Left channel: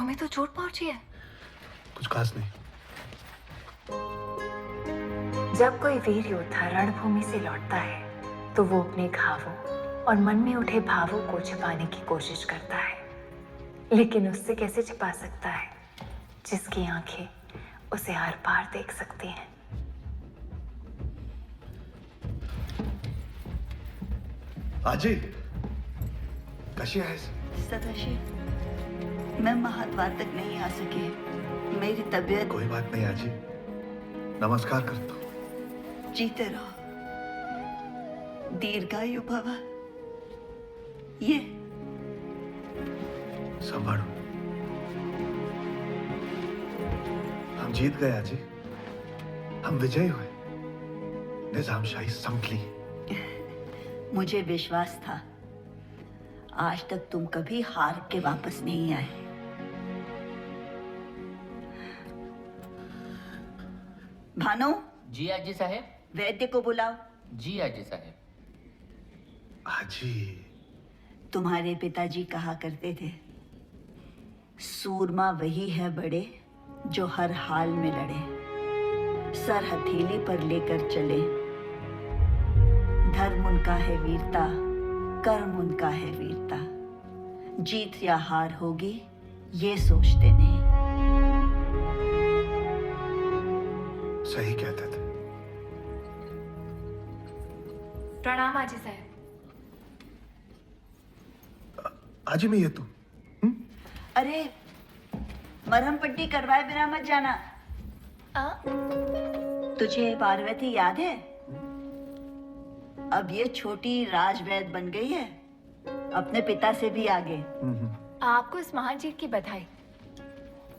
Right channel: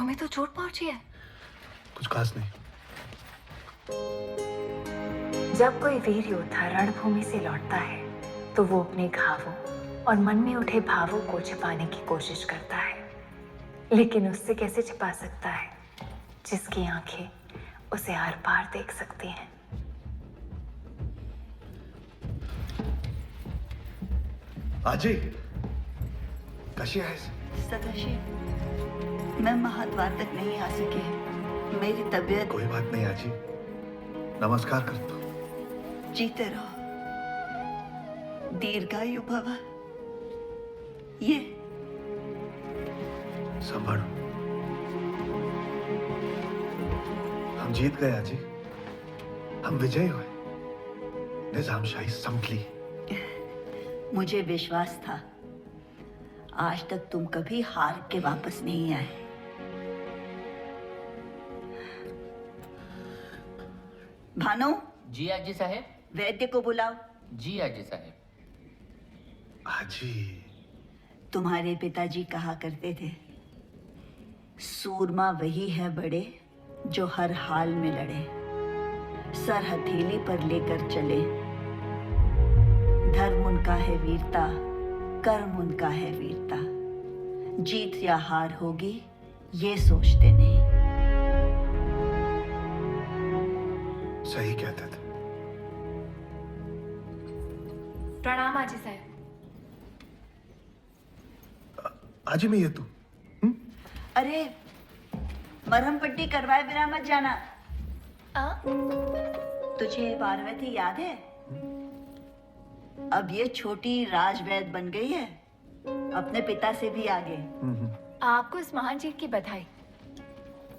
तुम्हें तो चोट पहुंची है। कुछ खास नहीं। जब कोई वीर योद्धा रणभूमि से लौटता है तो वो अपने घावों और मन में उठे भावों को छिपाने की कोशिश करता है, लेकिन उससे कैसे छिपा सकता है जिसकी आंखें उसे आर पार देख सकती हैं। आजी कशी आहेस? सतोशी, मैं महाद्वार तक नहीं आ सकी। मेरी तबीयत। कोई बात नहीं आजी, नमस्कार करता हूँ। जीते रहो, दीर्घायु भव। ये संभालो, हम जीत गए आजी, हम विजयी हुए, निजामशाही संभली। मुझे विश्वास था, आज तक तुम कभी हार के वापस नहीं आए। भानु। जी आजी साहेब। वैद्य को बुलाओ। जी आजी साहेब। आजी, तुम्हारे पिताजी कहा करते थे, सूरमा वही है बड़े जो हर हाल में लड़े, सर हथेली पर लेकर चले। धर्म उनका है वीरता, कर्म उनका है वीरता। जीत या हार होगी ये सोचते नहीं। सही कहते थे। प्रणाम आजी साहब। आजी मैं ये तू अरे मरहम पट्टी करवाए बिना मत जाना। तुझे पार्वती याद है? अब ये छोटी राजवैद बन गई है, अपने पिता से भी आगे। आपको इस महान जीत की बधाई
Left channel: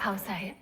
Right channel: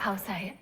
भाव साहेब।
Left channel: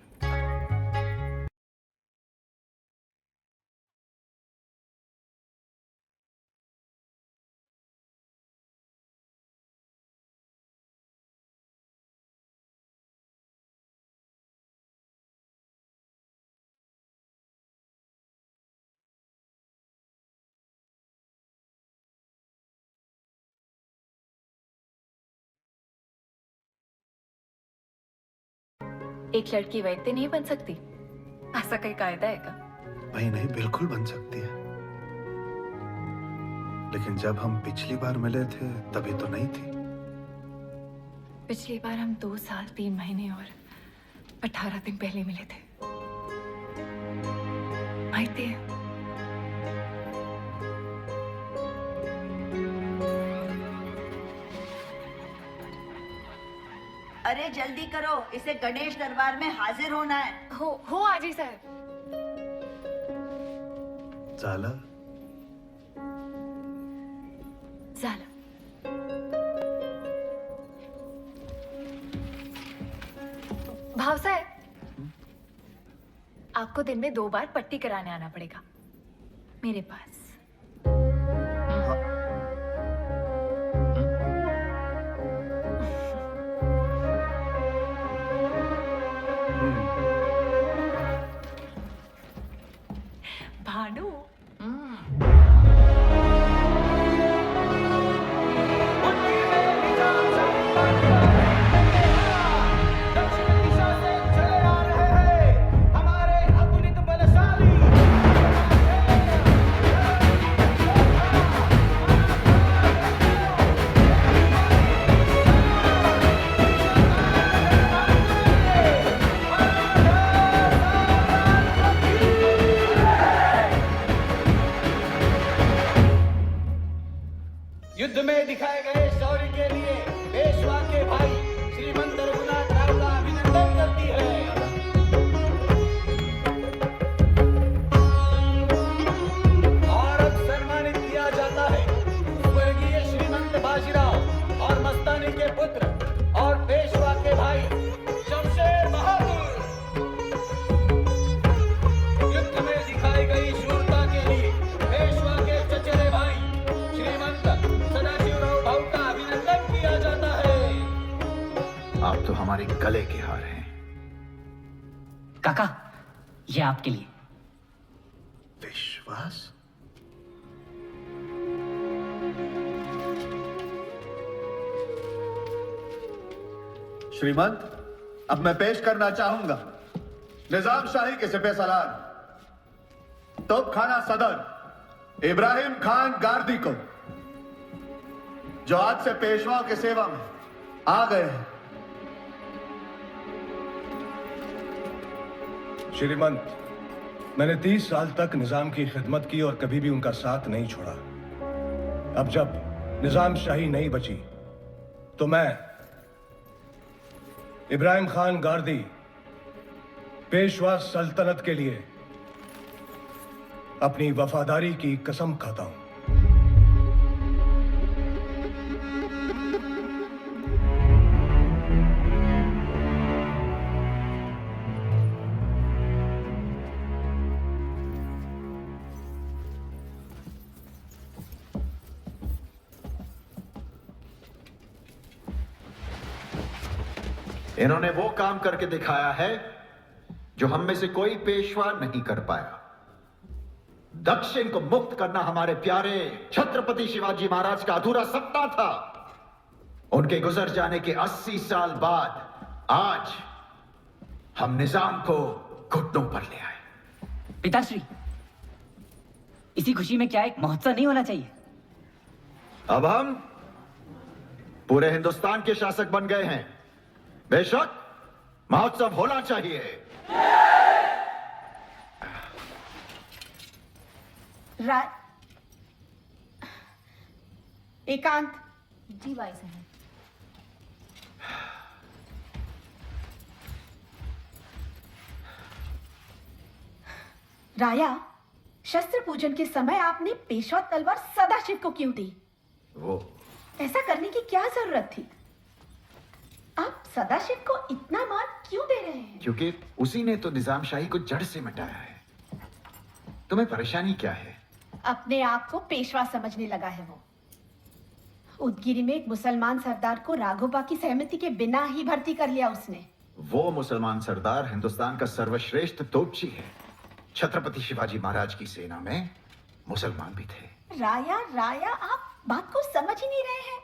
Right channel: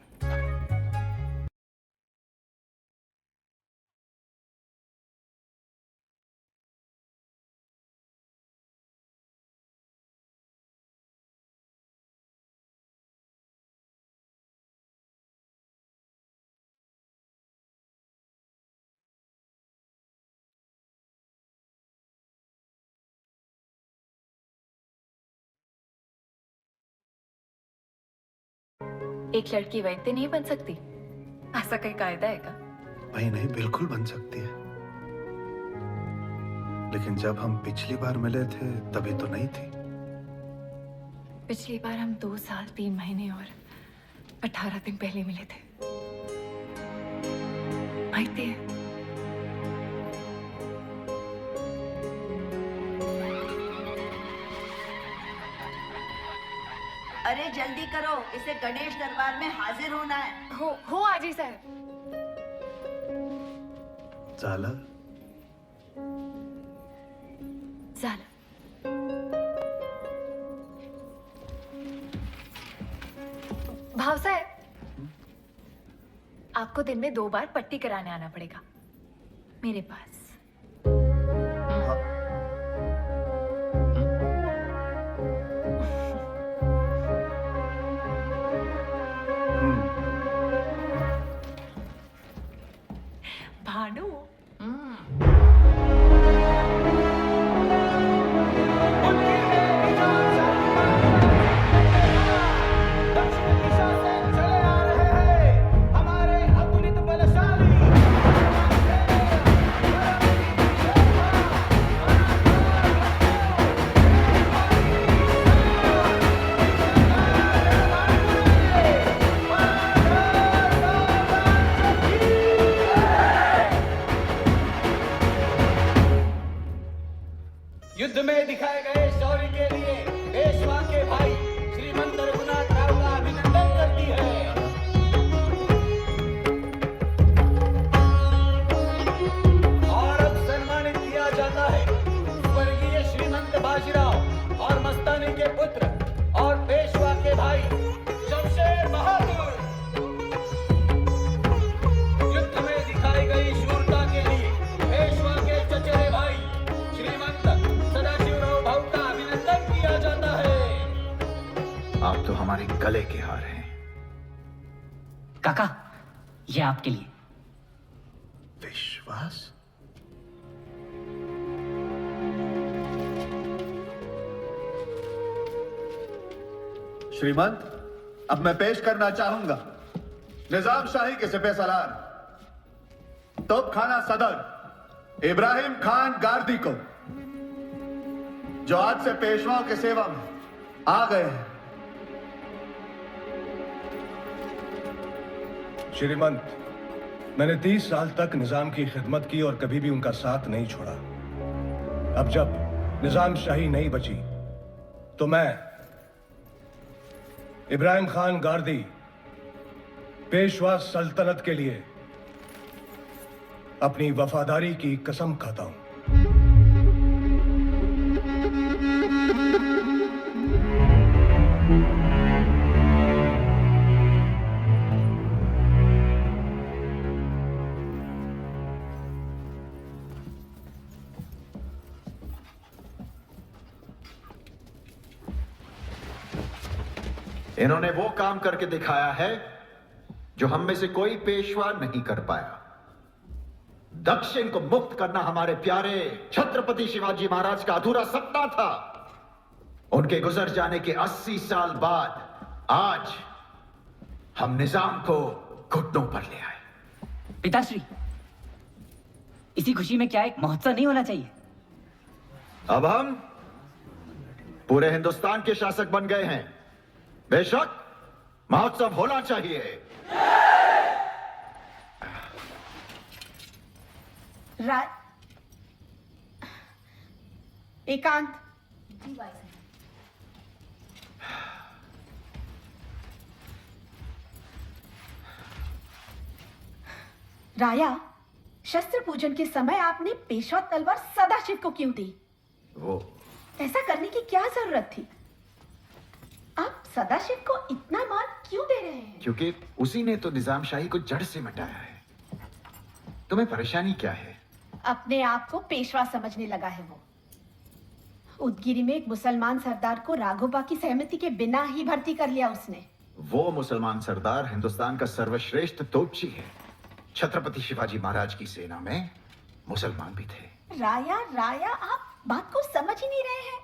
एक लड़की वैद्य नहीं बन सकती, ऐसा कोई कायदा है क्या? भाई नहीं, बिल्कुल बन सकती है, लेकिन जब हम पिछली बार मिले थे तभी तो नहीं थी। पिछली बार हम 2 साल 3 महीने और 18 दिन पहले मिले थे। माहिती है? अरे जल्दी करो, इसे गणेश दरबार में हाजिर होना है। हो आजी साहब। झालं? झालं। भाव साहब, आपको दिन में 2 बार पट्टी कराने आना पड़ेगा मेरे पास। भानु, युद्ध में दिखाए गए शौर्य के लिए पेशवा के भाई श्रीमंत रघुनाथ राव का अभिनंदन करती है। और अब सम्मानित किया जाता है स्वर्गीय श्रीमंत बाजीराव और मस्तानी के पुत्र और पेशवा के भाई शमशेर बहादुर। युद्ध में दिखाई गई शूरता के लिए पेशवा के चचेरे भाई श्रीमंत सदाशिवराव भाऊ का अभिनंदन किया जाता है। आप तो हमारे गले के हार हैं। काका, ये आपके लिए। विश्वास? श्रीमंत, अब मैं पेश करना चाहूंगा निजाम शाही के सिपह सालार तोप खाना सदर इब्राहिम खान गारदी को, जो आज से पेशवाओं की सेवा में आ गए हैं। श्रीमंत, मैंने 30 साल तक निजाम की खिदमत की और कभी भी उनका साथ नहीं छोड़ा। अब जब निजाम शाही नहीं बची तो मैं इब्राहिम खान गारदी पेशवा सल्तनत के लिए अपनी वफादारी की कसम खाता हूं। इन्होंने वो काम करके दिखाया है जो हम में से कोई पेशवा नहीं कर पाया। दक्षिण को मुक्त करना हमारे प्यारे छत्रपति शिवाजी महाराज का अधूरा सपना था। उनके गुजर जाने के 80 साल बाद आज हम निजाम को घुटनों पर ले आए। पिताश्री, इसी खुशी में क्या एक महोत्सव नहीं होना चाहिए? अब हम पूरे हिंदुस्तान के शासक बन गए हैं, बेशक महोत्सव होना चाहिए। एकांत। जी भाई साहब। राया, शस्त्र पूजन के समय आपने पेशवा तलवार सदाशिव को क्यों दी? वो ऐसा करने की क्या जरूरत थी? आप सदाशिव को इतना मान क्यों दे रहे हैं? क्योंकि उसी ने तो निजाम शाही को जड़ से मिटाया है। तुम्हें परेशानी क्या है? अपने आप को पेशवा समझने लगा है वो। उदगिरी में एक मुसलमान सरदार को राघोबा की सहमति के बिना ही भर्ती कर लिया उसने। वो मुसलमान सरदार हिंदुस्तान का सर्वश्रेष्ठ तोपची है। छत्रपति शिवाजी महाराज की सेना में मुसलमान भी थे। राया, आप बात को समझ ही नहीं रहे हैं।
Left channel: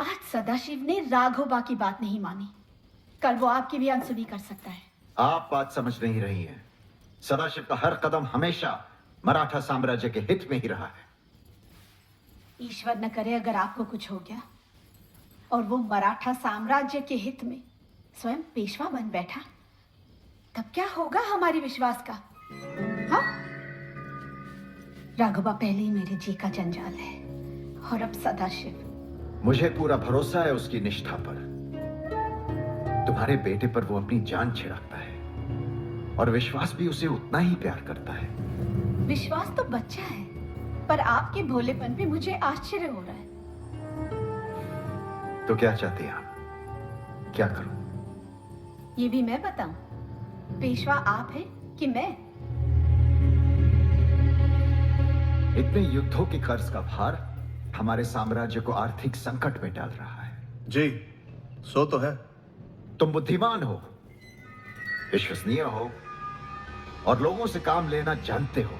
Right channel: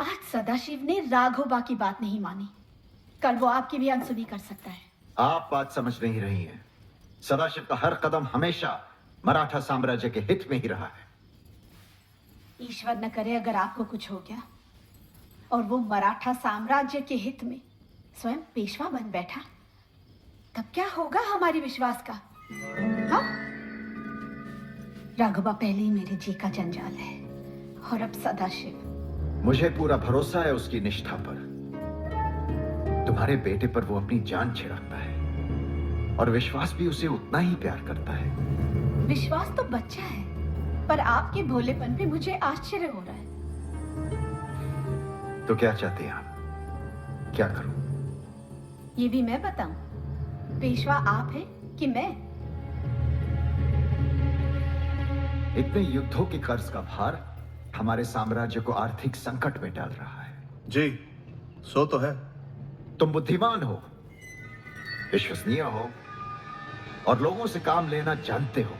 आज सदाशिव ने राघोबा की बात नहीं मानी, कल वो आपकी भी अनसुनी कर सकता है। आप बात समझ नहीं रही हैं। सदाशिव का हर कदम हमेशा मराठा साम्राज्य के हित में ही रहा है। ईश्वर न करे अगर आपको कुछ हो गया और वो मराठा साम्राज्य के हित में स्वयं पेशवा बन बैठा, तब क्या होगा हमारे विश्वास का? हाँ? राघोबा पहले ही मेरे जी का जंजाल है और अब सदाशिव। मुझे पूरा भरोसा है उसकी निष्ठा पर। तुम्हारे बेटे पर वो अपनी जान छिड़कता है और विश्वास भी उसे उतना ही प्यार करता है। विश्वास तो बच्चा है, पर आपके भोलेपन पे मुझे आश्चर्य हो रहा है। तो क्या चाहते हैं आप? क्या करूं? ये भी मैं बताऊं, पेशवा आप हैं कि मैं? इतने युद्धों के कर्ज का भार हमारे साम्राज्य को आर्थिक संकट में डाल रहा है। जी, सो तो है। तुम बुद्धिमान हो, विश्वसनीय हो और लोगों से काम लेना जानते हो।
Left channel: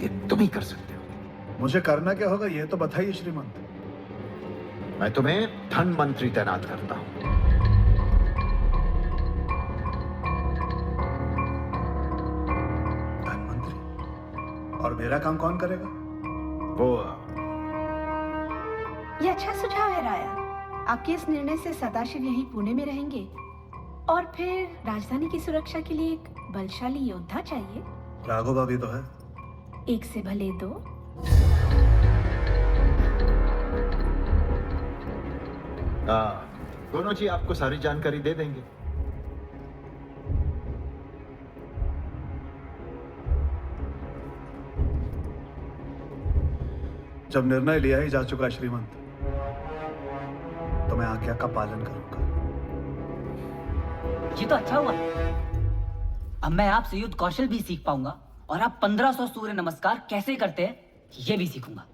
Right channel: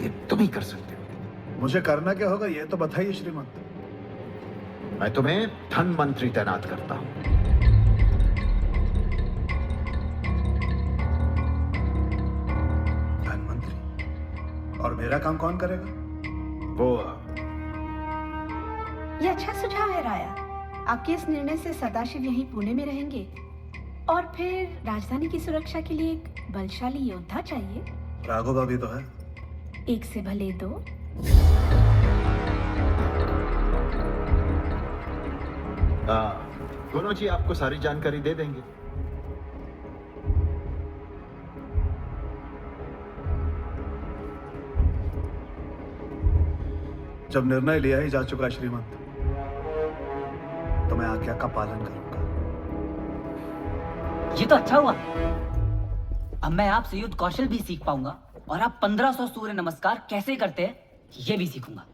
ये तुम ही कर सकते हो। मुझे करना क्या होगा ये तो बताइए श्रीमंत। मैं तुम्हें धन मंत्री तैनात करता हूं। धन मंत्री? और मेरा काम कौन करेगा? वो ये अच्छा सुझाव है राया। आपके इस निर्णय से सदाशिव यहीं पुणे में रहेंगे और फिर राजधानी की सुरक्षा के लिए एक बलशाली योद्धा चाहिए। राघोबा भी तो है। एक से भले दो। दोनों जी आपको सारी जानकारी दे देंगे। जब निर्णय लिया ही जा चुका श्रीमंत, तो मैं आज्ञा का पालन करूंगा। ये तो अच्छा हुआ। अब मैं आपसे युद्ध कौशल भी सीख पाऊंगा और आप 1500 सूर्य नमस्कार कैसे करते हैं ये भी सीखूंगा।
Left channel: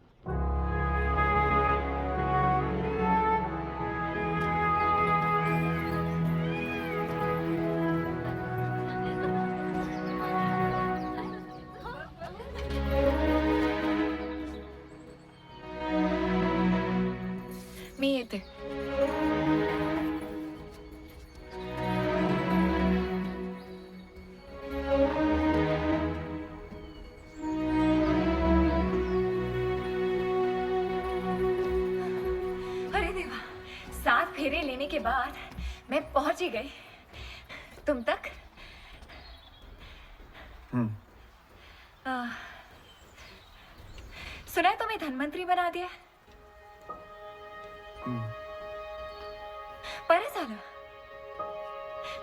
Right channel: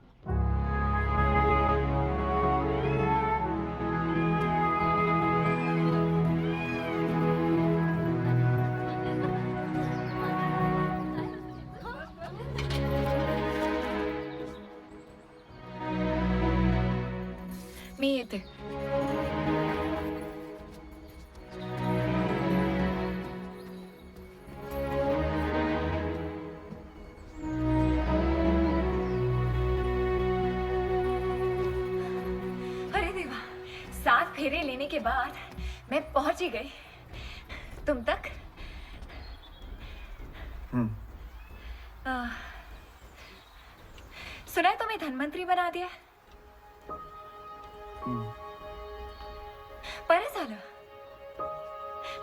मी येते. लेने के बाद मैं पहुंच ही गई तुम तक। सुना है तुम्हें धनवंतरी बना दिया है? पर साला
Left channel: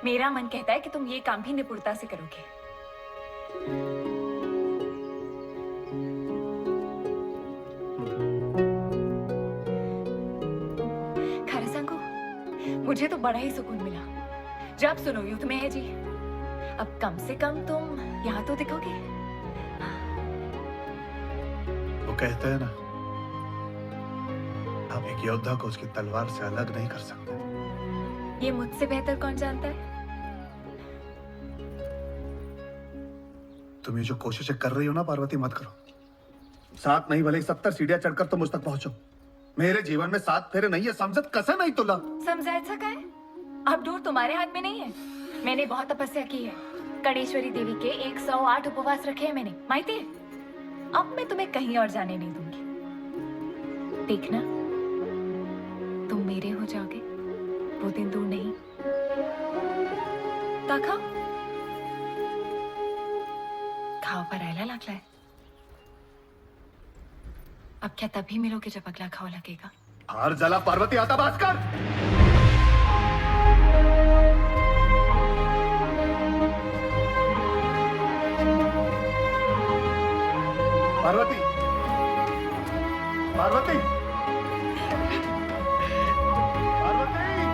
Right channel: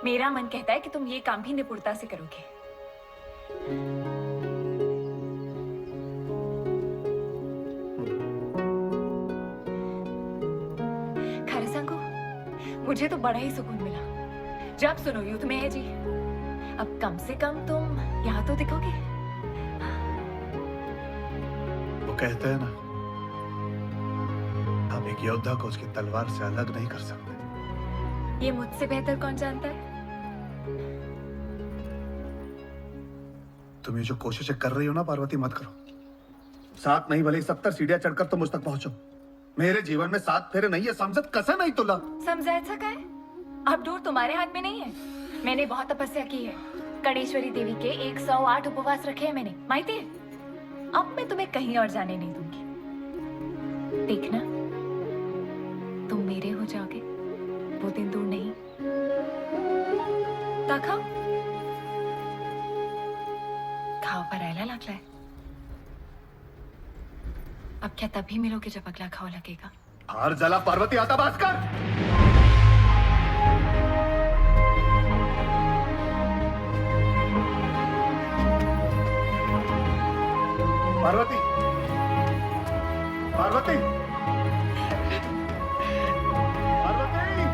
मेरा मन कहता है कि तुम ये काम भी निपुणता से करोगे। खरे संगो, मुझे तो बड़ा ही सुकून मिला जब सुनो युद्ध में है जी। अब कम से कम तुम यहाँ तो दिखोगे। वो कहते हैं ना, आप एक योद्धा को उसकी तलवार से अलग नहीं कर सकते। ये मुझसे बेहतर कौन जानता है? तुम ये जो कोशिशें कर रही हो ना पार्वती, मत करो। 7 नहीं भले 70 सीढ़ियां चढ़कर तुम मुझ तक पहुंचो। मेरे जीवन में 7 फेरे नहीं है, समझत कसं नहीं तुला। समझायचं काय? अब डोर तुम्हारे हाथ में नहीं है। मैंने बहुत तपस्या की है। कणेश्वरी देवी के 108 उपवास रखे हैं मैंने, माहिती है? अब मैं तुम्हें कहीं और जाने नहीं दूंगी। देखना, तुम मेरे हो जाओगे, वो दिन दूर नहीं। ताका खाओ परायला लागलाय। अब क्या तभी मिलोगे जब अगला खाओ लगेगा? हार जला पार्वती, आता बास कर। पार्वती, पार्वती, पार्वती।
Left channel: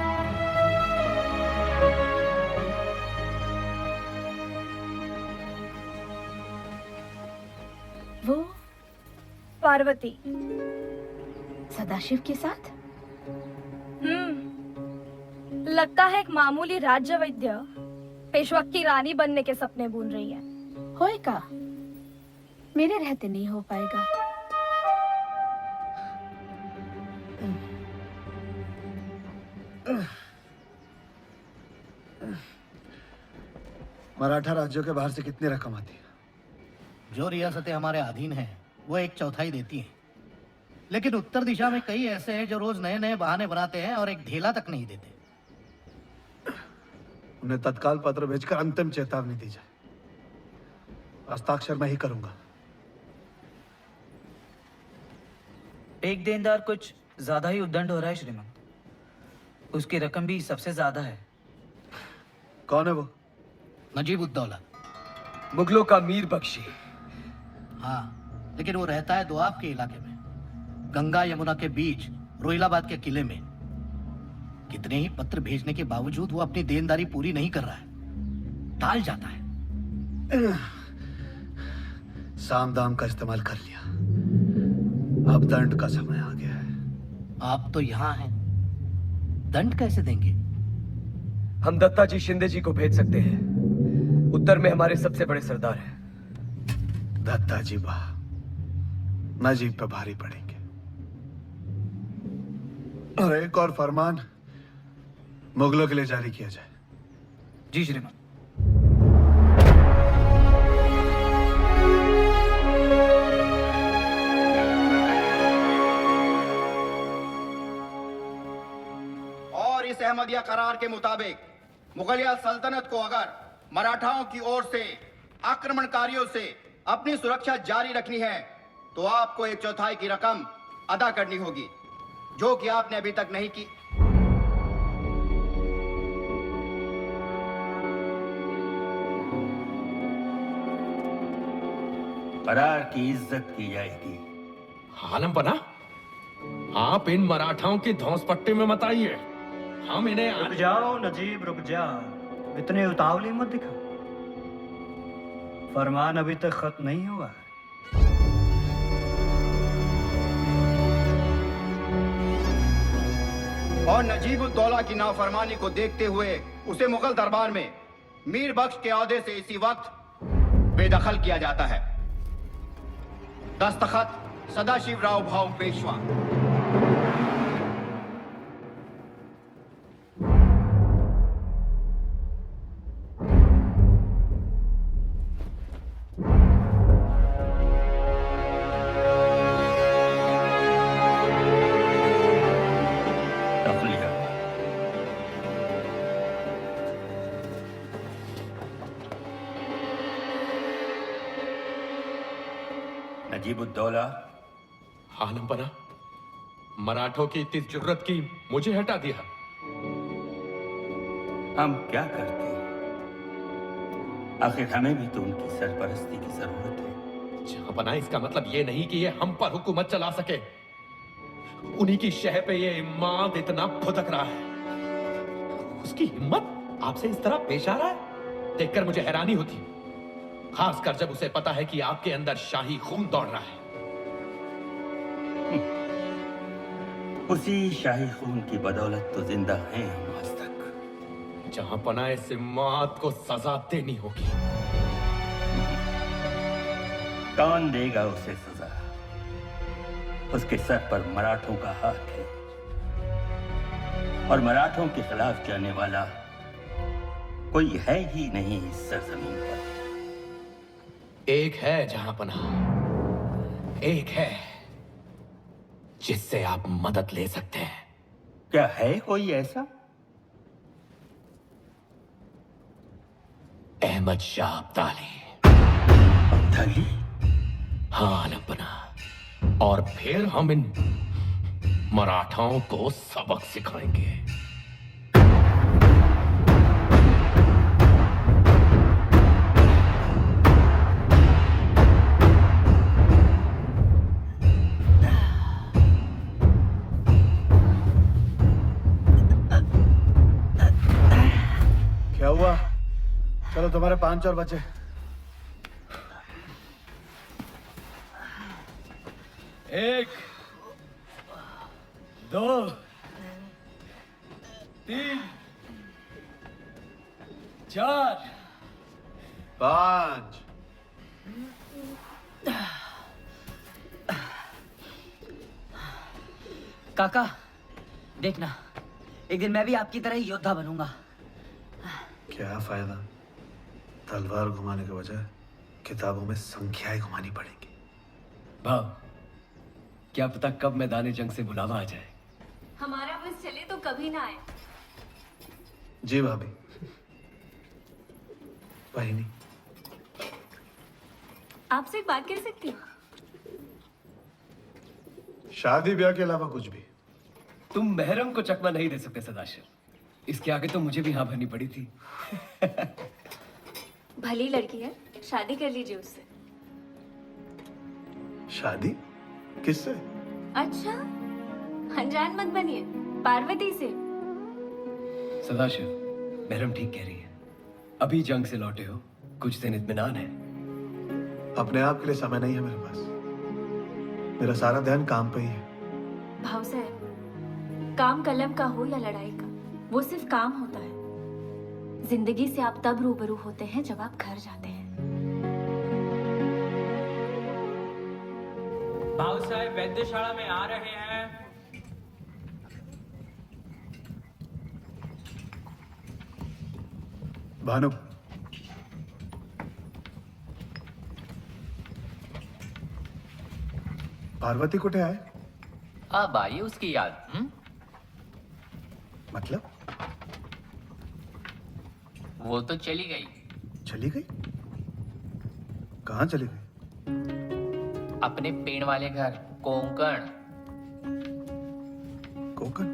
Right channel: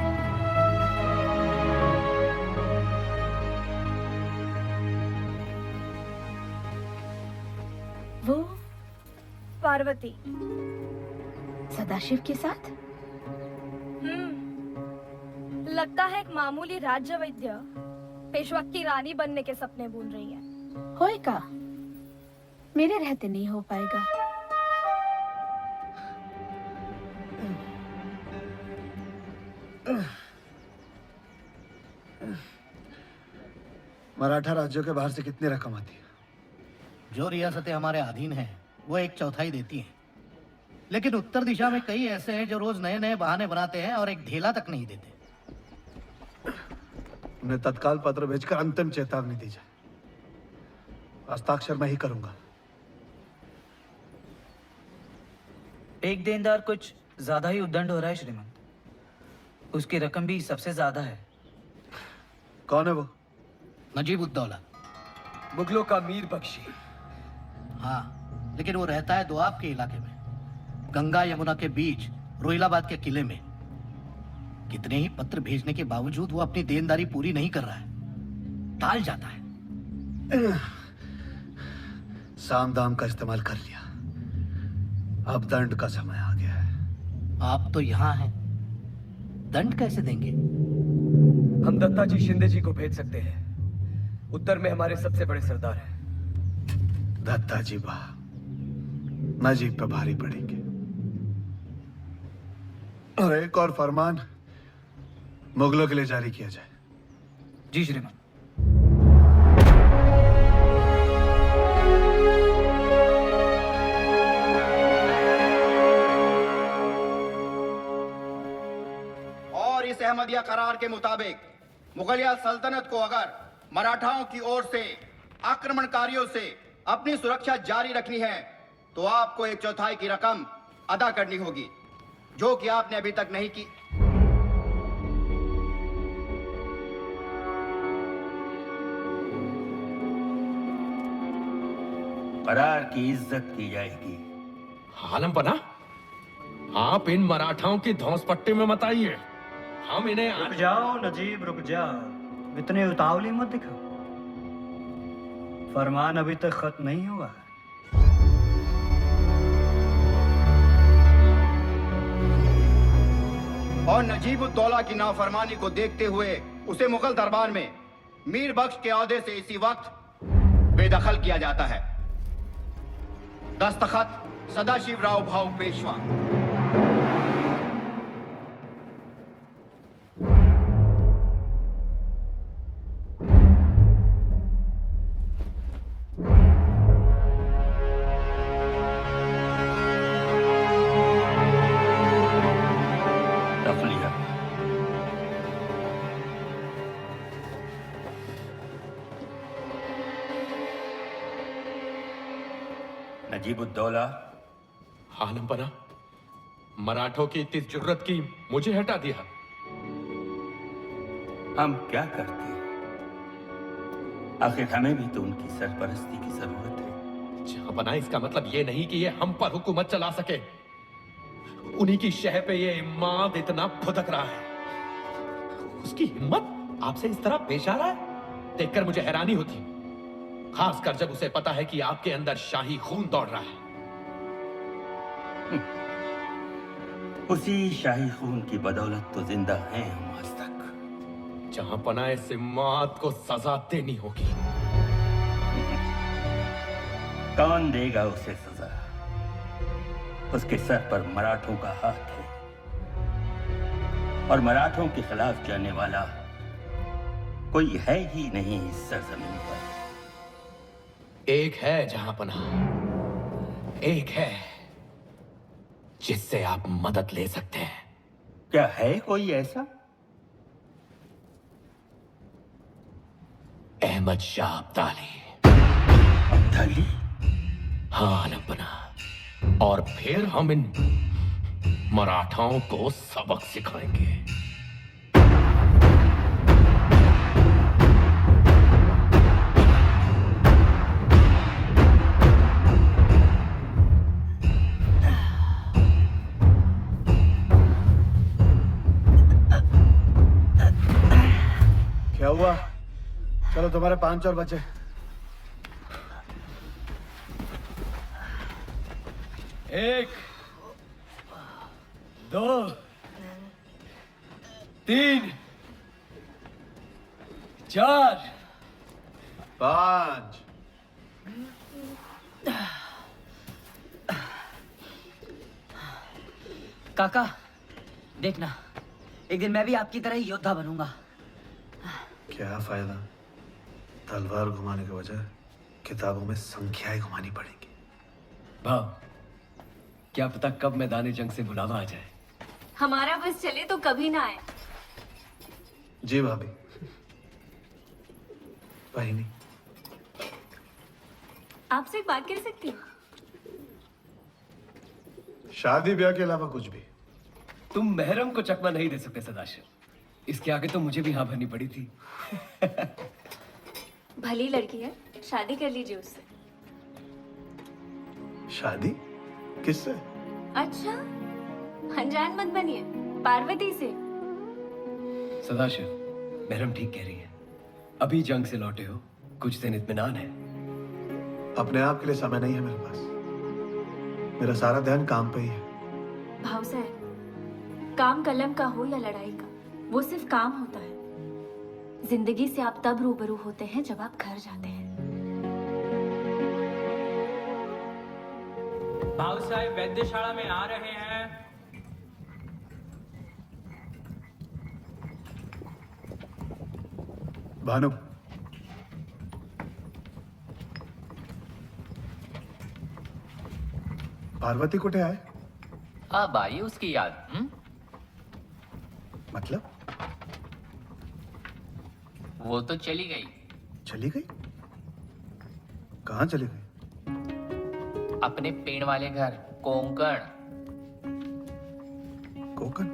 वो पार्वती सदाशिव के साथ? लगता है एक मामूली राज्य वैद्य पेशवा की रानी बनने के सपने बुन रही है। होएगा, मेरे रहते नहीं हो पाएगा। मराठा राज्यों के बाहर से कितनी रकम आती है? जो रियासतें हमारे अधीन हैं वो 1/4 देती हैं, लेकिन उत्तर दिशा में कई ऐसे हैं जो रोज नए नए बहाने बनाते हैं और एक ढेला तक नहीं देते। उन्हें तत्काल पत्र भेजकर अंतिम चेतावनी दी जाए। हस्ताक्षर मैं ही करूंगा। एक देनदार कुछ ज्यादा ही उद्दंड हो रहा है श्रीमान। उसकी रकम भी सबसे ज्यादा है। कौन है वो? नजीबुद्दौला। मुगलों का मीर बख्शी। हाँ, लेकिन वो रहता है दोआब के इलाके में, गंगा यमुना के बीच रोहिलाबाद के किले में। कितने ही पत्र भेजने के बावजूद वो अपनी देनदारी पूरी नहीं कर रहा है, टाल जाता है। साम दाम का इस्तेमाल कर लिया, अब दंड का समय आ गया है। आप तो यहाँ हैं, दंड कैसे देंगे? हम दत्ता जी शिंदे जी को भेज सकते हैं। उत्तर में हमारे सबसे बड़े सरदार हैं। दत्ता जी वाह, नजीब पे भारी पड़ेंगे। और एक और फरमान मुगलों के लिए जारी किया जाए। जी श्रीमान। और इस अहमदिया करार के मुताबिक मुगलिया सल्तनत को अगर मराठाओं की ओर से आक्रमणकारियों से अपनी सुरक्षा जारी रखनी है तो आपको 1/4 की रकम अदा करनी होगी, जो कि आपने अभी तक नहीं की। करार की इज्जत की जाएगी। आलम बना, आप इन मराठाओं की धौंस पट्टी में मत आइए। हम इन्हें रुक जाओ नजीब, रुक जाओ। इतने उतावली मत दिखाओ। फरमान अभी तक खत्म नहीं हुआ है। और नजीबुद्दौला की नाफरमानी को देखते हुए उसे मुगल दरबार में मीर बख्श के औहदे से इसी वक्त बेदखल किया जाता है। दस्तखत सदाशिवराव भाऊ पेशवा। नजीबुद्दौला। आलमपना, मराठों की इतनी जुर्रत की मुझे हटा दिया। हम क्या करते? आखिर हमें भी तो उनकी सरपरस्ती की जरूरत है। जहांपना, इसका मतलब ये नहीं कि ये हम पर हुकूमत चला सके। उन्हीं की शह पे ये इमाद इतना फुदक रहा है। उसकी हिम्मत आपसे इस तरह पेश आ रहा है, देखकर मुझे हैरानी होती, खासकर जब उसे पता है कि आपके अंदर शाही खून दौड़ रहा है। उसी शाही खून की बदौलत तो जिंदा हैं हम आज तक। जहांपना, इस इमाद को सजा देनी होगी। कौन देगा उसे सजा? उसके सर पर मराठों का हाथ है, और मराठों के खिलाफ जाने वाला कोई है ही नहीं इस सरजमीन पर। एक है जहांपना, एक है जिससे आप मदद ले सकते हैं। क्या है कोई ऐसा? अहमद शाह अब्दाली। अब्दाली? हाँ आलमपना, और फिर हम इन मराठाओं को सबक सिखाएंगे। क्या हुआ? चलो, तुम्हारे 5 और बचे। एक, 2, 3, 4, 5। काका, देखना, एक दिन मैं भी आपकी तरह ही योद्धा बनूंगा। क्या फायदा? तलवार घुमाने के बजाय किताबों में संख्याएं घुमानी पड़ेंगी। भाव, क्या पता कब मैदानी जंग से बुलावा आ जाए। हमारा बस चले तो कभी ना आए। जी भाभी। बहिनी, आपसे एक बात कर सकती हूँ? शादी ब्याह के अलावा कुछ भी। तुम महरम को चकमा नहीं दे सकते सदाशिव, इसके आगे तो मुझे भी हाँ भरनी पड़ी थी। भली लड़की है, शादी कर लीजिए उससे। शादी किससे? अच्छा, अनजान मत बनिए, पार्वती से। सदाशिव, महरम ठीक कह रही है। अभी जंग से लौटे हो, कुछ दिन इत्मीनान है। अपने आप के लिए समय नहीं है मेरे पास। मेरा सारा ध्यान काम पे ही है। भाव साहब, काम कलम का हो या लड़ाई का, वो सिर्फ काम होता है। जिंदगी से आप तब रूबरू होते हैं जब आप घर जाते हैं। भाव साहब वैद्यशाला में आ रहे हैं। भानु, पार्वती कुठे आहे? अब आई उसकी याद। मतलब? वो तो चली गई। चली गई? कहाँ चली गई? अपने पेड़ वाले घर कोंकण। कोकण?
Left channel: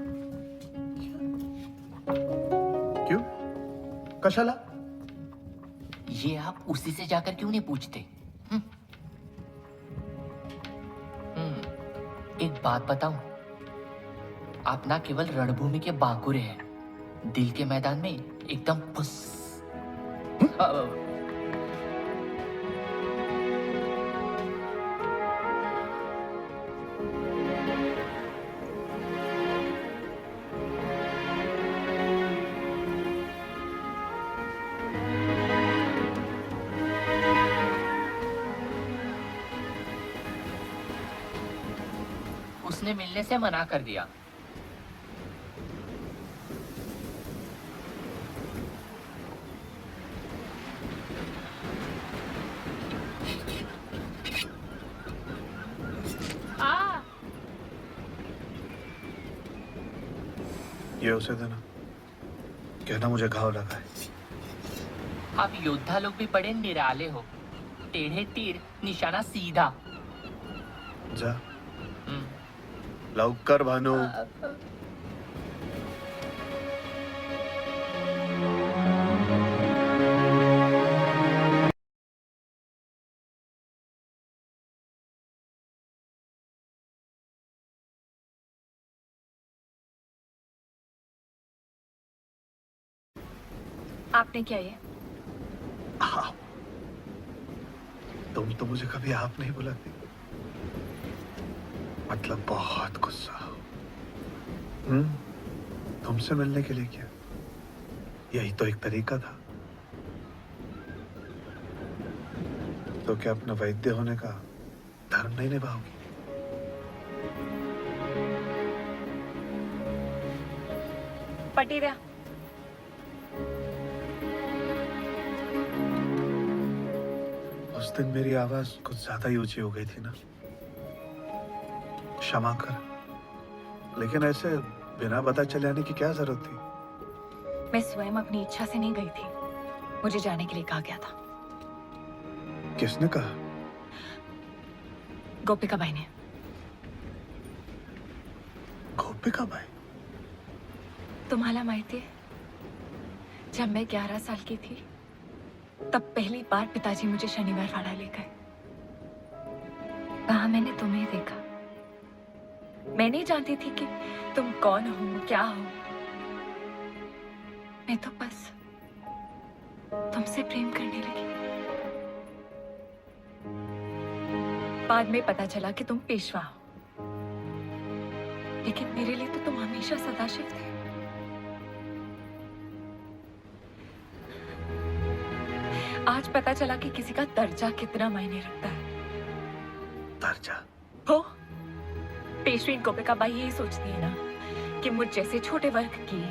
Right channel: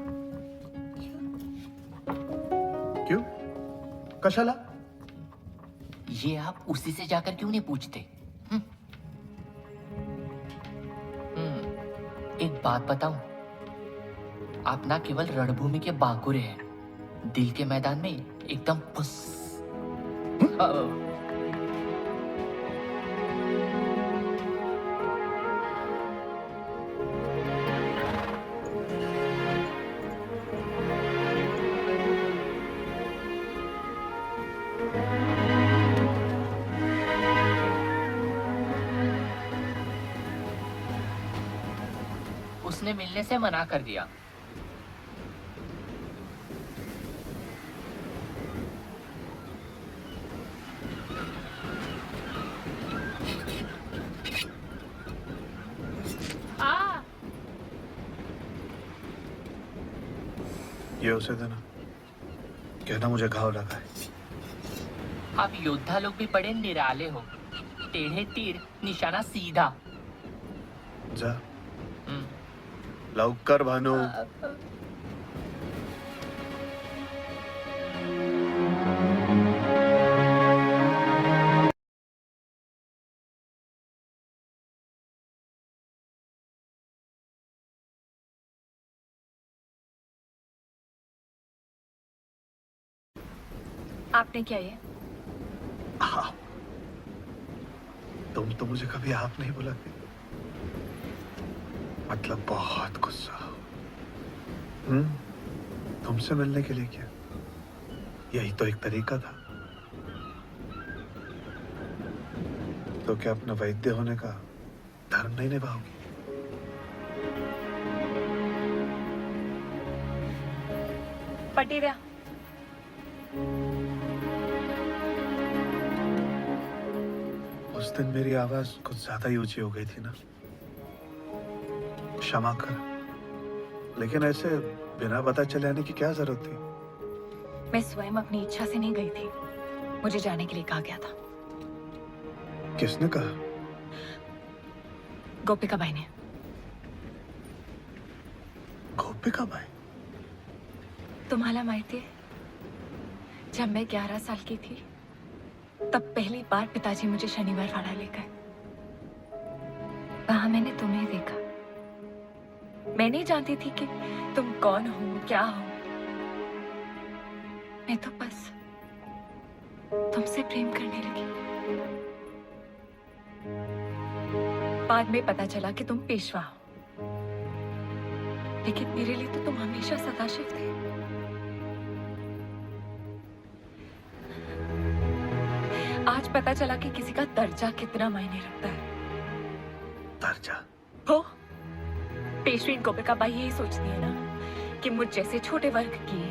क्यों? कशाला? ये आप उसी से जाकर क्यों नहीं पूछते? एक बात बताऊं, आप ना केवल रणभूमि के बांकुरे हैं, दिल के मैदान में एकदम फुस। उसने मिलने से मना कर दिया। ये उसे देना, कहना मुझे घाव लगा है। आप योद्धा लोग भी बड़े निराले हो। टेढ़े तीर, निशाना सीधा। जा लवकर भानू. आपने क्या ये? आप. तुम तो मुझे कभी आप नहीं बुलाती. मतलब बहुत गुस्सा हो. तुमसे मिलने के लिए क्या? यही तो एक तरीका था. तो क्या अपना वैद्य होने का धर्म नहीं निभाओगी? पट्टी दे. उस दिन मेरी आवाज कुछ ज्यादा ही ऊंची हो गई थी ना. क्षमा कर. लेकिन ऐसे बिना पता चले आने की क्या जरूरत थी? मैं स्वयं अपनी इच्छा से नहीं गई थी. मुझे जाने के लिए कहा गया था. किसने कहा? गोपिका बाई ने. गोपिका बाई? तुम्हाला माहिती है, जब मैं 11 साल की थी तब पहली बार पिताजी मुझे शनिवार वाड़ा ले गए. वहां मैंने तुम्हें देखा. मैं नहीं जानती थी कि तुम कौन हो, क्या हो. मैं तो बस तुमसे प्रेम करने लगी. बाद में पता चला कि तुम पेशवा हो. लेकिन मेरे लिए तो तुम हमेशा सदाशिव थे. आज पता चला कि किसी का दर्जा कितना मायने रखता है. दर्जा? हो, पेशवीन गोपिका बाई यही सोचती है ना कि मुझ जैसे छोटे वर्ग की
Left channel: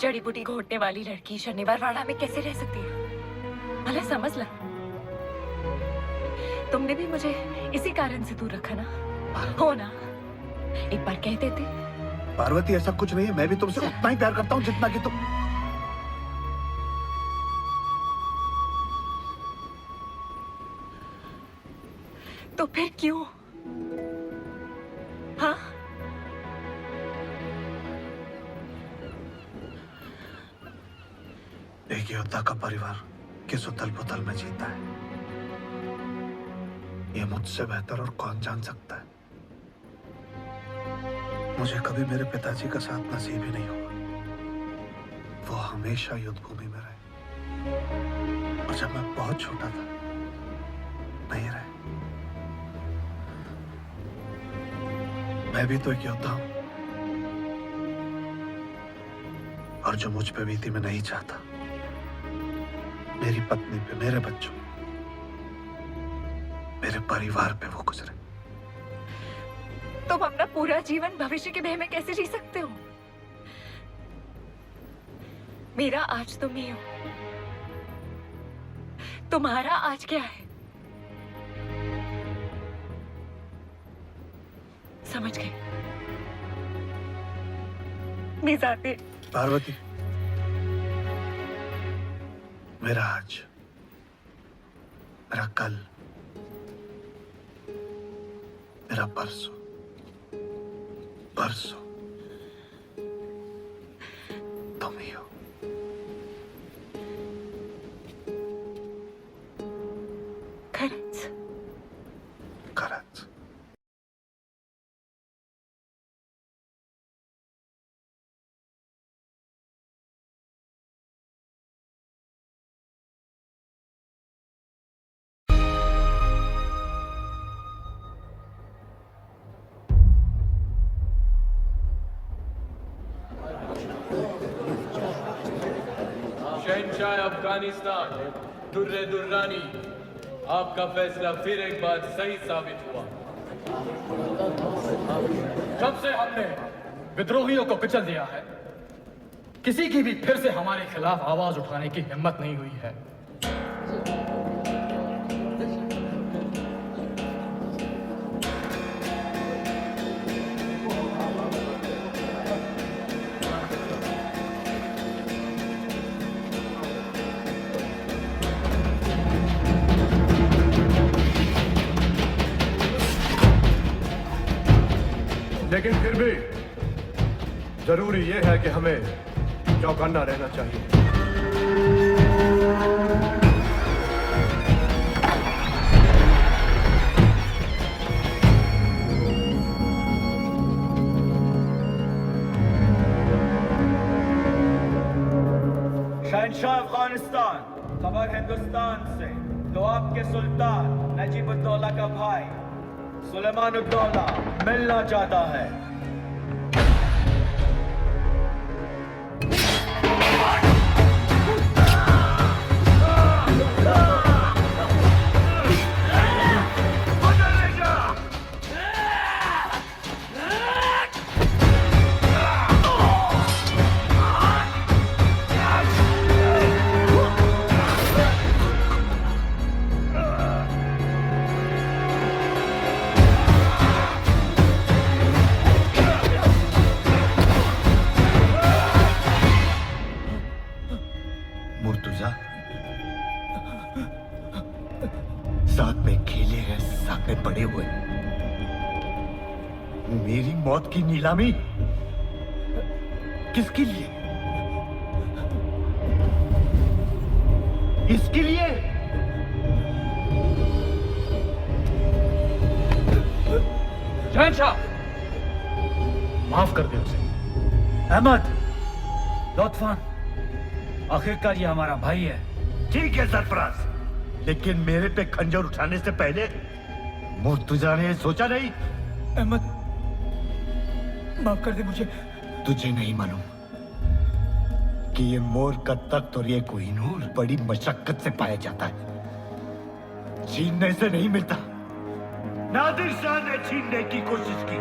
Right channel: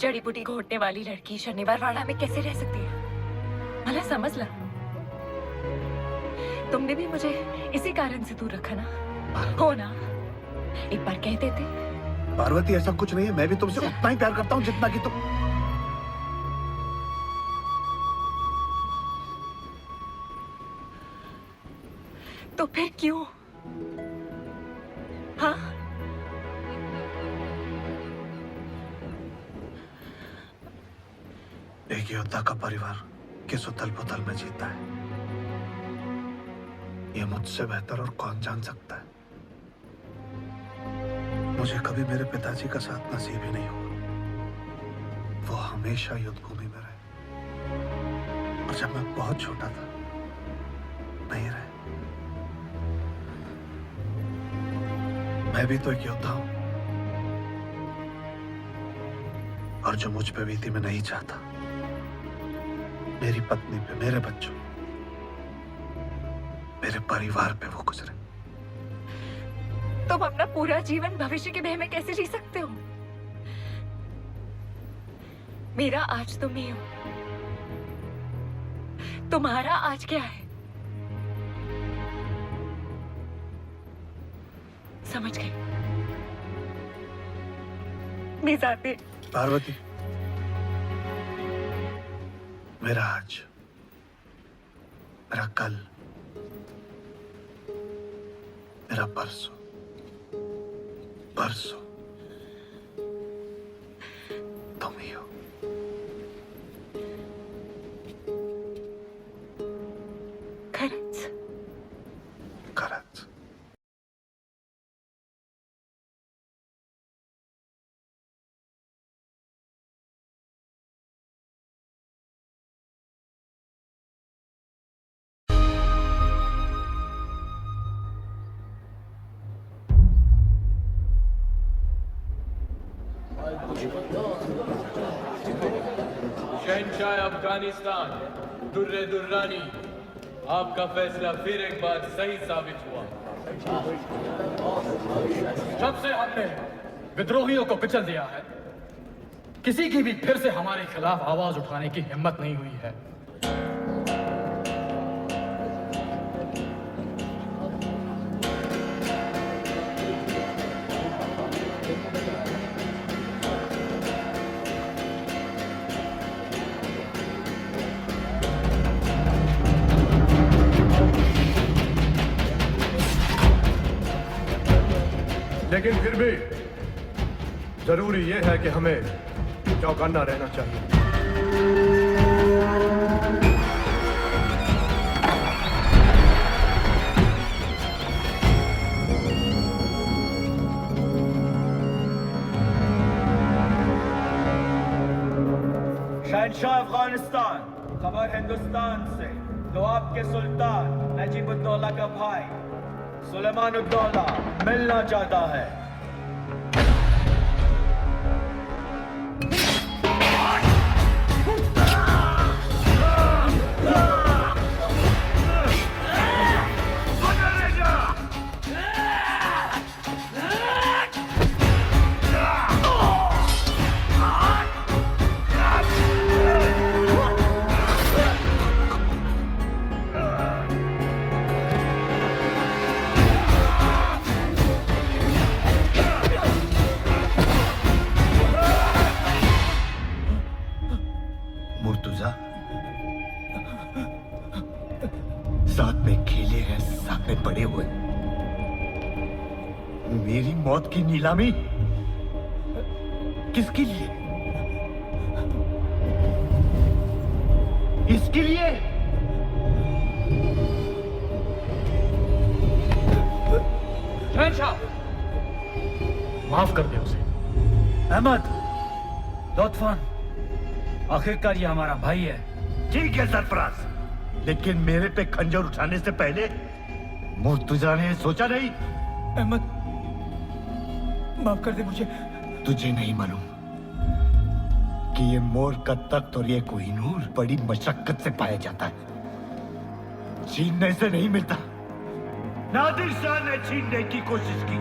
जड़ी बूटी घोटने वाली लड़की शनिवार वाड़ा में कैसे रह सकती है. भला समझ ला, तुमने भी मुझे इसी कारण से दूर रखा ना. हो ना, एक बार कहते थे. पार्वती, ऐसा कुछ नहीं है. मैं भी तुमसे उतना ही प्यार करता हूँ जितना कि तुम. तो फिर क्यों? हाँ, एक योद्धा का परिवार किस उथल पुथल में जीता है, ये मुझसे बेहतर और कौन जान सकता है. मुझे कभी मेरे पिताजी का साथ नसीब ही नहीं हुआ. वो हमेशा युद्ध भूमि में रहे. और जब मैं बहुत छोटा था, नहीं रहे. मैं भी तो एक योद्धा हूं. और जो मुझ पे बीती मैं नहीं चाहता. मेरी पत्नी पे, मेरे बच्चों, मेरे परिवार पे वो गुजरे. तुम अपना पूरा जीवन भविष्य के भय में कैसे जी सकते हो? मेरा आज तुम ही हो. तुम्हारा आज क्या है? समझ गई. मैं जाती. पार्वती, मेरा आज, मेरा कल, मेरा परसों, परसों तुम ही हो. खरंच? खरंच. शहंशाह अफगानिस्तान दुर्रे दुर्रानी, आपका फैसला फिर एक बार सही साबित हुआ. जब से हमने विद्रोहियों को कुचल दिया है, किसी की भी फिर से हमारे खिलाफ आवाज उठाने की हिम्मत नहीं हुई है. लेकिन फिर भी जरूरी यह है कि हमें चौकन्ना रहना चाहिए। शहंशाह अफगानिस्तान, खबर हिंदुस्तान से। तो आपके सुल्तान नजीबुद्दौला का भाई सुलेमानुद्दौला मिलना चाहता है। मुर्तुजा, साथ में खेले हैं, साथ में बड़े हुए। मेरी मौत की नीलामी किसके लिए? इसके लिए? शहंशाह, माफ कर दे उसे। अहमद, लुत्फान, आखिरकार ये हमारा भाई है। ठीक है सरफराज, लेकिन मेरे पे खंजर उठाने से पहले मुर्तुजा ने सोचा नहीं? अहमद, माफ कर दे मुझे। तुझे नहीं मालूम कि ये मोर का तख्त और ये कोहिनूर बड़ी मशक्कत से पाया जाता है, छीनने से नहीं मिलता। नादिर शाह ने छीनने की कोशिश की,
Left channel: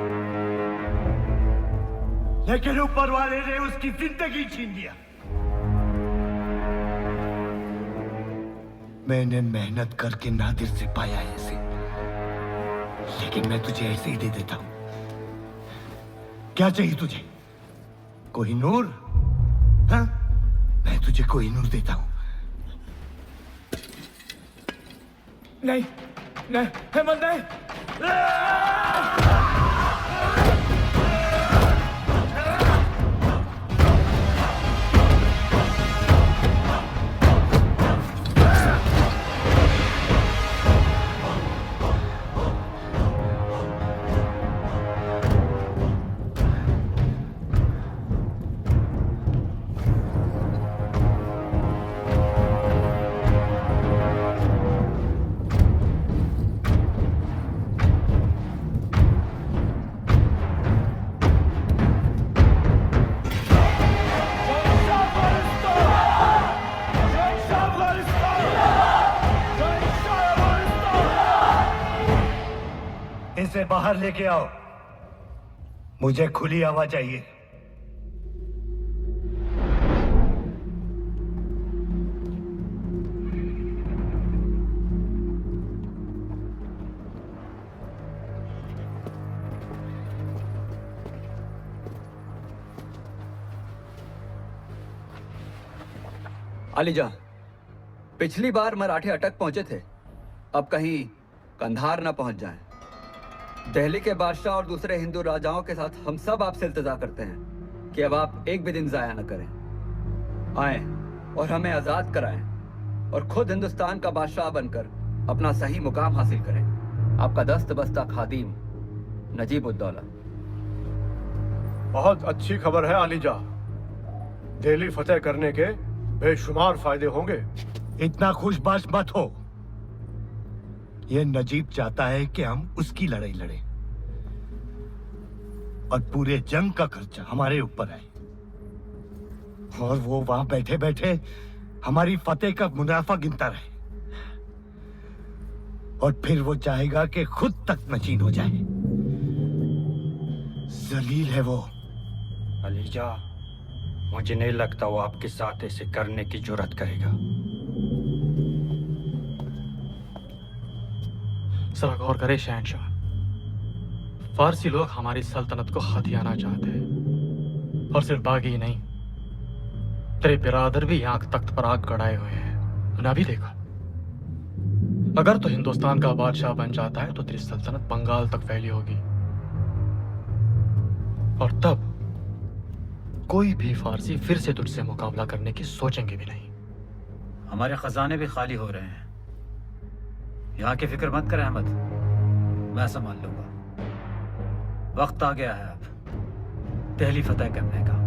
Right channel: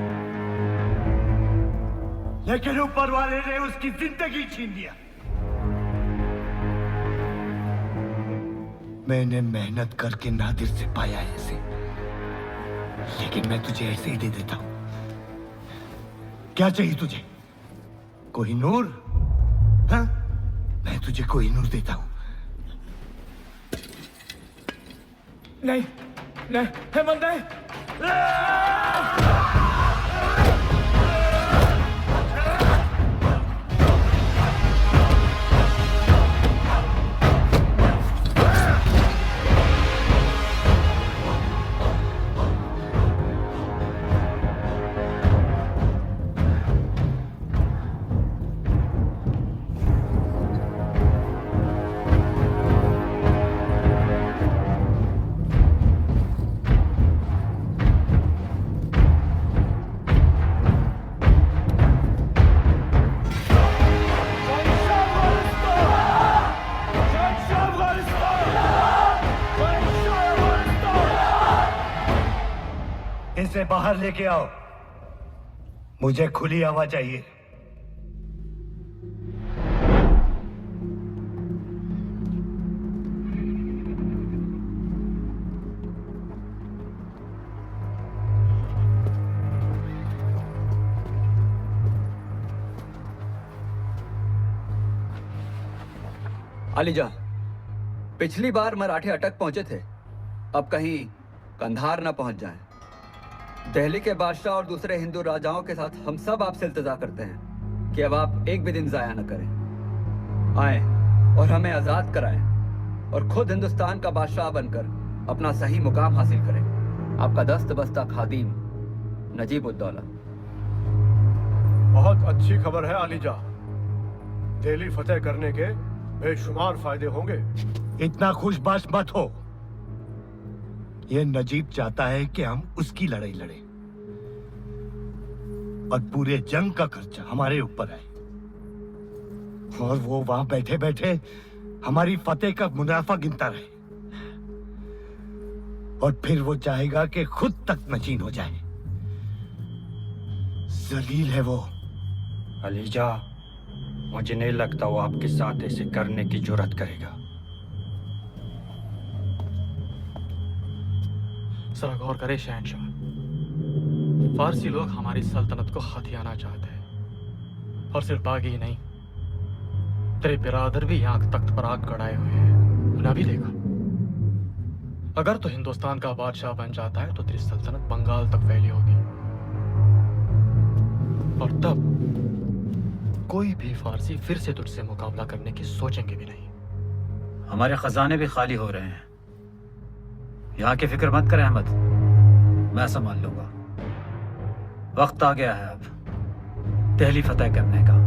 लेकिन ऊपर वाले ने उसकी जिंदगी छीन लिया। मैंने मेहनत करके नादिर से पाया है इसे, लेकिन मैं तुझे ऐसे ही दे देता हूं। क्या चाहिए तुझे? कोहिनूर? हाँ, मैं तुझे कोहिनूर देता हूं। नहीं, नहीं, हेमंत नहीं। इसे बाहर लेके आओ, मुझे खुली हवा चाहिए। अलीजा, पिछली बार मराठे अटक पहुंचे थे, अब कहीं कंधार ना पहुंच जाएं। दिल्ली के बादशाह और दूसरे हिंदू राजाओं के साथ हम सब आपसे इल्तिजा करते हैं कि अब आप एक भी दिन जाया न करें। आए और हमें आजाद कराएं और खुद हिंदुस्तान का बादशाह बनकर अपना सही मुकाम हासिल करें। आपका दस्त बस्ता खादिम नजीबुद्दौला। बहुत अच्छी खबर है अलीजा। दिल्ली फतेह करने के बेशुमार फायदे होंगे। इतना खुशबाश मत हो। यह नजीब चाहता है कि हम उसकी लड़ाई लड़ें और पूरे जंग का खर्चा हमारे ऊपर आए, और वो वहां बैठे बैठे हमारी फतेह का मुनाफा गिनता रहे, और फिर वो चाहेगा कि खुद तक नशीन हो जाए। जलील है वो। अलीजा, मुझे नहीं लगता वो आपके साथ ऐसे करने की जुर्रत करेगा। जरा गौर करे शहंशाह, फारसी लोग हमारी सल्तनत को हथियाना चाहते हैं, और सिर्फ बागी ही नहीं, तेरे बिरादर भी यहाँ तख्त पर आग गड़ाए हुए हैं। ना भी देखा, अगर तो हिंदुस्तान का बादशाह बन जाता है तो तेरी सल्तनत बंगाल तक फैली होगी। और तब कोई भी फारसी फिर से तुझसे मुकाबला करने की सोचेंगे भी नहीं। हमारे खजाने भी खाली हो रहे हैं। यहाँ की फिक्र मत करें अहमद, मैं संभाल लूंगा। वक्त आ गया है अब दिल्ली फतेह करने का।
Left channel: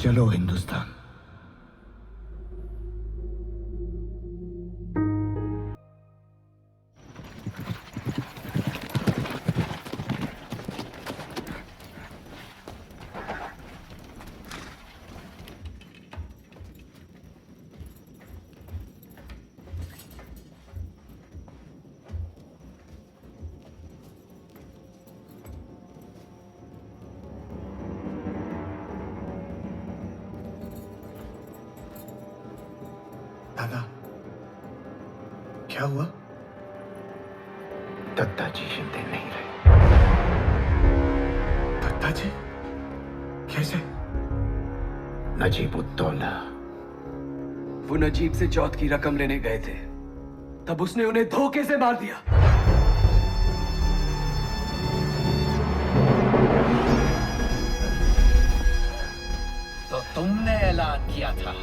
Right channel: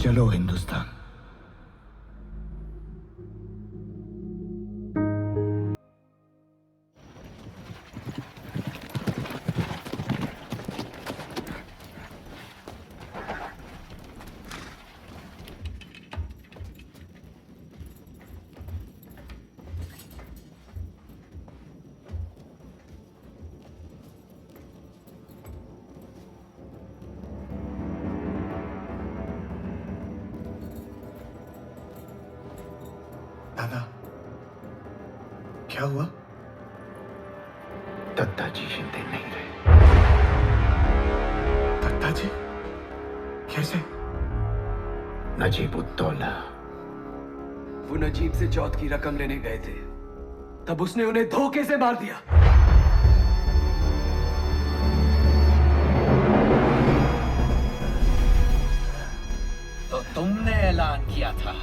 चलो हिंदुस्तान। दादा, क्या हुआ? दत्ता जी जिंदे नहीं रहे। दत्ता जी? कैसे? नजीबुद्दौला। वो नजीब से चौथ की रकम लेने गए थे, तब उसने उन्हें धोखे से मार दिया। तो तुमने ऐलान किया था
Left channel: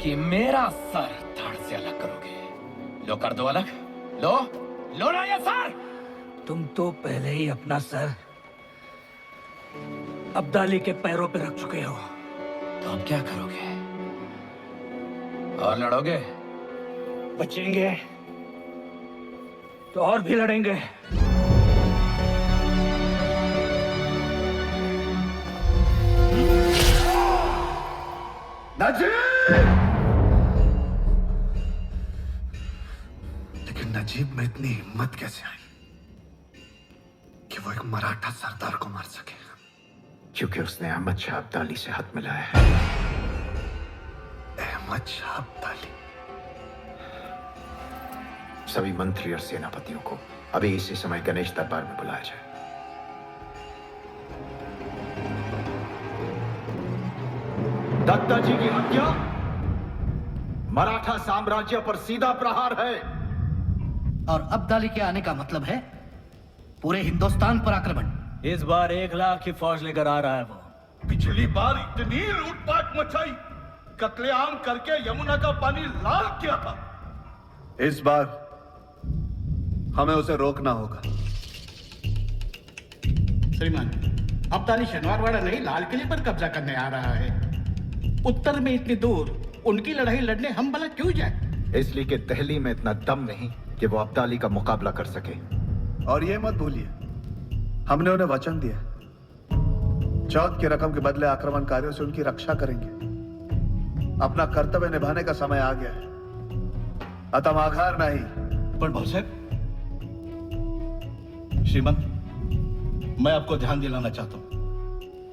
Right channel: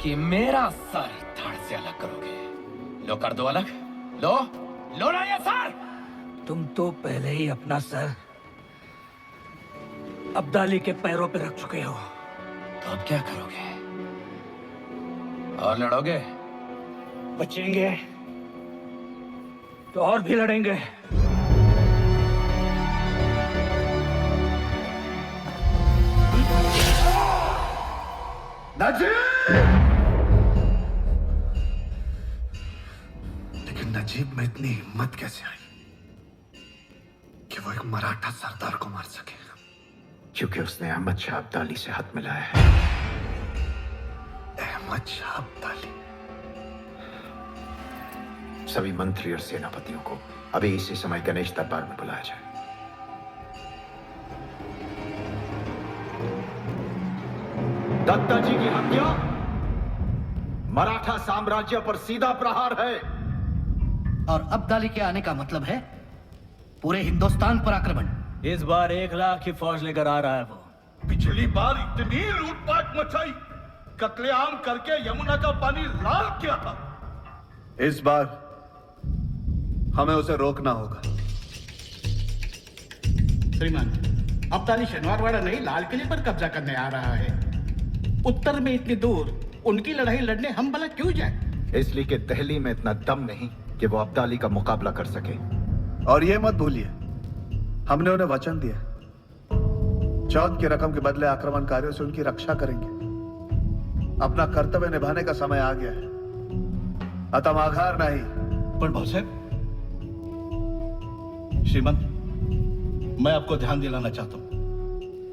कि मेरा सर धड़ से अलग करोगे। लो कर दो अलग। लो लो ना ये सर। तुम तो पहले ही अपना सर अब्दाली के पैरों पे रख चुके हो। तो अब क्या करोगे? और लड़ोगे? बचेंगे तो और भी लड़ेंगे। लेकिन नजीब में इतनी हिम्मत कैसे आई कि वो एक मराठा सरदार को मार सके? क्योंकि उसने अहमद शाह अब्दाली से हाथ मिलाया है। अहमद शाह अब्दाली? सभी मंत्री और सेनापतियों को अभी इसी समय गणेश दरबार में बुलाया जाए। दत्ता जी की हत्या मराठा साम्राज्य पर सीधा प्रहार है। और अब्दाली के आने का मतलब है पूरे हिंदुस्तान पर आक्रमण। इस बार 1 लाख की फौज लेकर आ रहा है वो। पिछली बार इतनी लूटपाट मचाई, कत्लेआम करके यमुना का पानी लाल किया था। इस बार हमें उसे रोकना होगा। श्रीमान, अब्दाली शनिवारवाड़ा नहीं लाल किले पर कब्जा करने आ रहा है। उत्तर में इतनी दूर उनकी लड़ाई लड़ने हम भला क्यों जाए? इसलिए कि दिल्ली में इतना दम नहीं कि वो अब्दाली का मुकाबला कर सके। और ये मत भूलिए, हमने उन्हें वचन दिया, चौथ की रकम के बदले आक्रमणकारियों से उनकी रक्षा करेंगे। अपना कर्तव्य निभाने का समय आ गया है, अतः आघार नहीं। पर भाऊ साहब, श्रीमंत, मैं आपको ध्यान दिलाना चाहता हूं,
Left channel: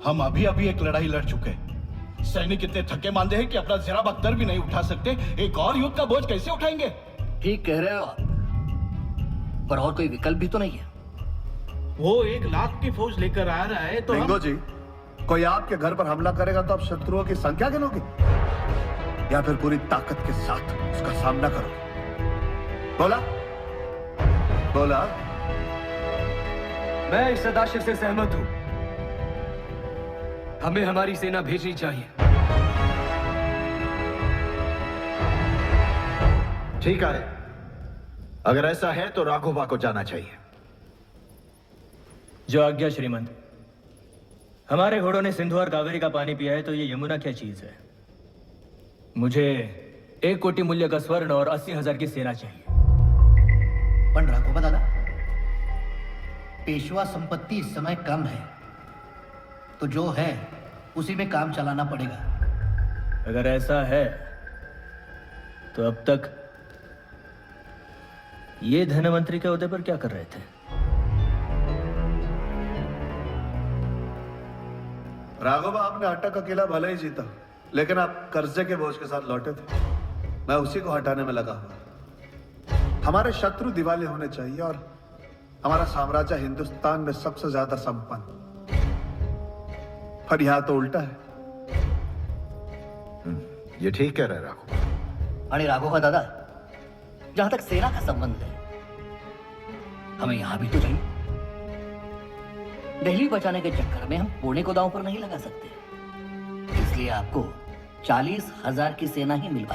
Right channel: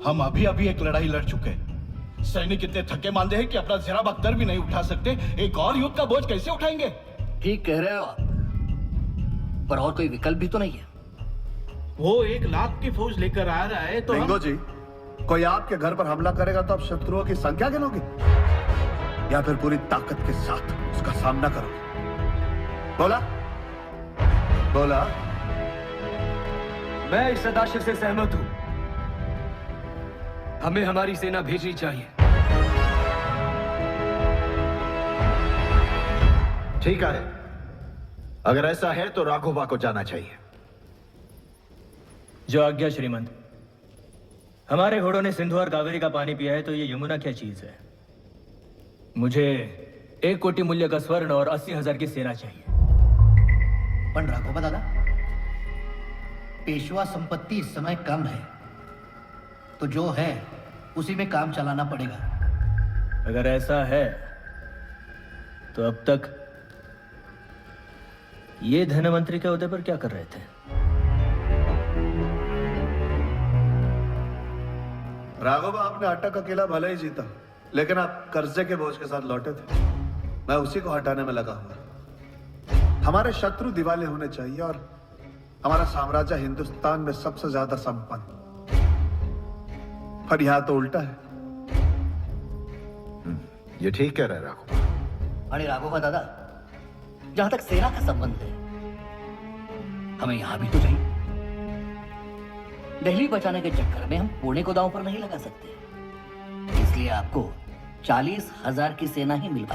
हम अभी अभी एक लड़ाई लड़ चुके हैं। सैनिक इतने थके मांदे हैं कि अपना जरा बख्तर भी नहीं उठा सकते। एक और युद्ध का बोझ कैसे उठाएंगे? ठीक कह रहे हो आप, पर और कोई विकल्प भी तो नहीं है। वो 1 लाख की फौज लेकर आ रहा है तो लिंगो जी, कोई आपके घर पर हमला करेगा तो आप शत्रुओं की संख्या गिनोगे या फिर पूरी ताकत के साथ उसका सामना करोगे? बोला बोला। मैं इस सदाशिव से सहमत हूं। हमें हमारी सेना भेजनी चाहिए। ठीक है, अगर ऐसा है तो राघोबा को जाना चाहिए। जो आज्ञा श्रीमंत। हमारे घोड़ों ने सिंधु और कावेरी का पानी पिया है, तो ये यमुना क्या चीज है? मुझे 1 कोटि मूल्य का स्वर्ण और 80,000 की सेना चाहिए। पण राघोबा दादा, पेशवा संपत्ति इस समय कम है, तो जो है उसी में काम चलाना पड़ेगा। अगर ऐसा है तो अब तक ये धनमंत्री के ओहदे पर क्या कर रहे थे? राघोबा, आपने अट्टा का किला भले ही जीता, लेकिन आप कर्जे के बोझ के साथ लौटे थे। मैं उसी को हटाने में लगा हुआ। हमारे शत्रु दिवाले होने चाहिए और हमारा साम्राज्य हिंदुस्तान में सबसे ज्यादा संपन्न। पर यहां तो उल्टा है। ये ठीक कह रहे राघव। अरे राघोबा दादा, जहां तक सेना का संबंध है, हमें यहां भी तो चाहिए। दिल्ली बचाने के चक्कर में हम पुणे को दांव पर नहीं लगा सकते, इसलिए आपको 40,000 की सेना ही मिल पाएगी।